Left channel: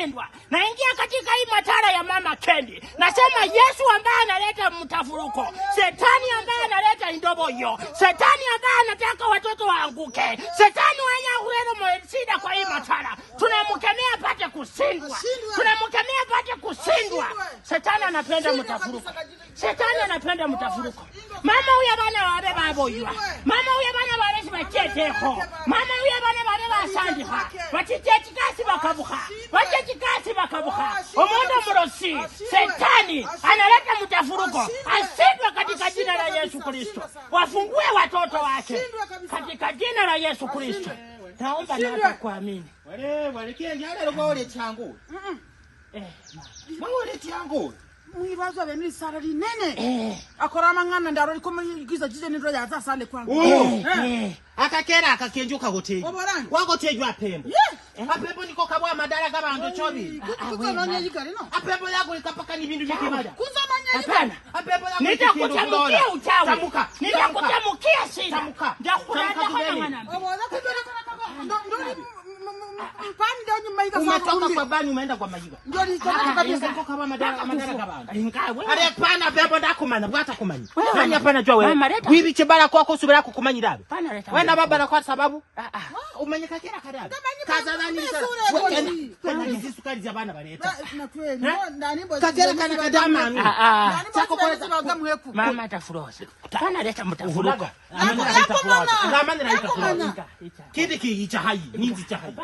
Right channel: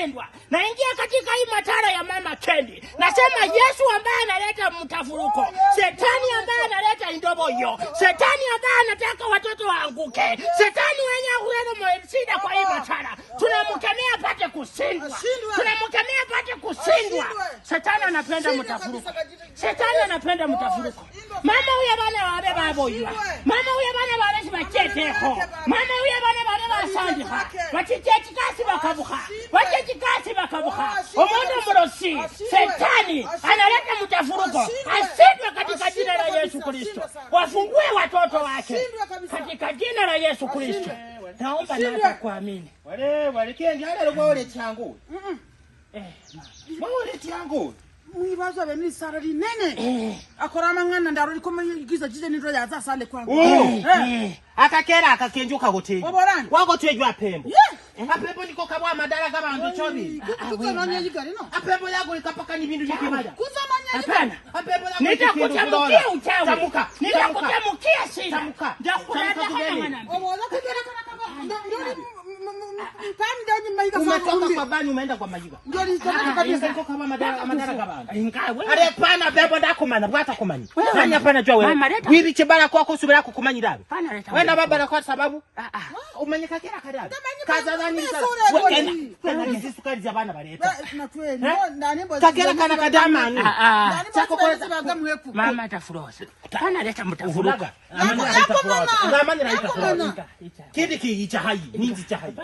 kushindwa. Naingia katika hii matara ya mama Kendi. Nasema Yesu ambaye analeta mtafuruko. Shetani ambaye analeta indoboyo. Shetani ambaye anataka watoto waanguke. Shetani mwenye kuleta shida kwa hii matara. Tunamkemea apate kushindwa. Tunamkemea apate kushindwa. Shetani anapenda mtafuruko. Shetani anapenda mtafuruko. Mama huyu bana wabe baboywa. Mama huyu bana baresi bacheteho. Mama huyu bana bare basandiha. Bachichechi kasi bakabuha. Bachichechi kasi bakabuha. Omondo mrosi. Shetani analeta mtafuruko. Ashindwe katika jina la Yesu Kristo. Wafungue watoto wake katika jina la Yesu Kristo. Naomba na kuamini. Wale kiengana lokwa ole changu. Mawole changu. Mwibazo bemli sarari nene. Akora mangana ndaro likomugiza jije nindro yaza sale kwangu. Akakera akakenjuka goteye. Wagotejwa apembo. Apembo niko kabwa madara gabantu chobi. Kutsononye yigari no. Apembo yago ikapaka ni bintu byekimada. Kuzamanya yigari. Apembo yago nitakutamkia uchawi. Tamuka. Nitakutamkia shida. Tamuka. Ndakuleta kana. Obola kudora kana. Ndori mpande nyuma yiga umetoka kwa bani umeenda kwa majiga. Ndio nitoka kabisa niko kama madara gabantu. Are pana bebo ndakumana bwata kumanya. Nani hapana jua wewe. Wibi kibara kwako usubira kukumanyira. Wenda baba kwa sababu umanyika kila kadabi. Kaza nani sana. Wewe hizi sukari za bana baleta. Na kweli ndani mbozi. Kakera kana kadama. Chako kweza bagamu hepu. Mama tafurosa. Kana leta mtafuruko. Ngamani raita furosa. Kidi ki icha hai. Ninzi cha hai.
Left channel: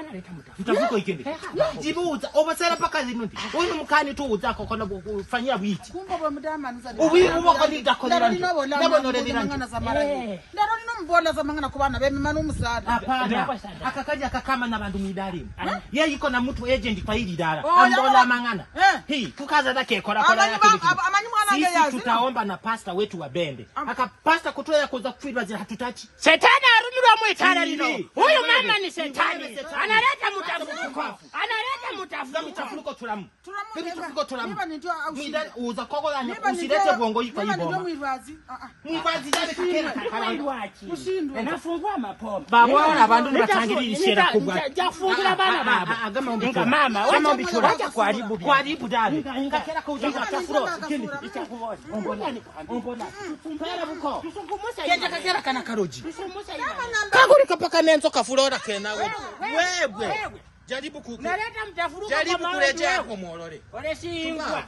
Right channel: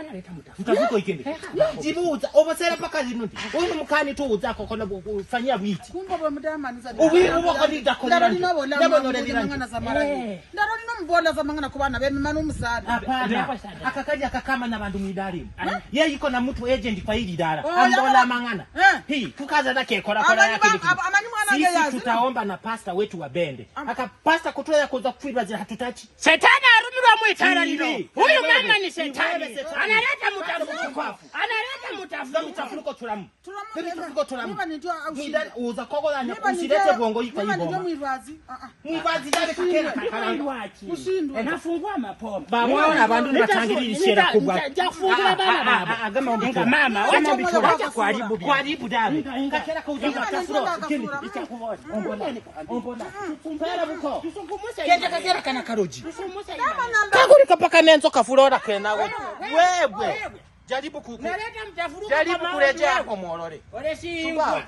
Mtafuko ikende. Jibuza obasera paka zinundi. Uyu mukani tu uzako kona kufanyia bwiti. Kumba bo mudama nuza. Ubi boko ndida kona. Ndabo no rediranje. Ndaro no mbola za mangana kubana bemi manu musada. Hapana. Akakaja akakama na bandu midari. Yeye iko na mtu agent kwa hili dara. Ambola mangana. Hii tukaza zake kora yake biki. Sisi tutaomba na pastor wetu wa bende. Aka pastor kutoa ya kuza kufirwa zile hatutachi. Shetani arudira mwitara lino. Huyu mama ni shetani. Analeta mtafuruko. Analeta mtafuruko tulamu. Mtafuruko tulamu. Midari uza koko la nyapo usilete bongo hii kwa hii bomba. Mwivazi dale kakera kakalanga. Nafungua mapombe. Babo na bandu batangirira shera kubwa. Jafungura bana baba. Agama umbitura. Mama, kama umbitura. Kwa Haribu dale. Kakera kauza mtafuro. Kindi itakubona. Ombona. Pera buko. Kenda kakera kana karoji. Kaguri kapaka nenzo kafurora kwena wewe. Jaribu kuku. Naleta mtafuruko jaribu kuletea hapo muorore. Ole si ingwa.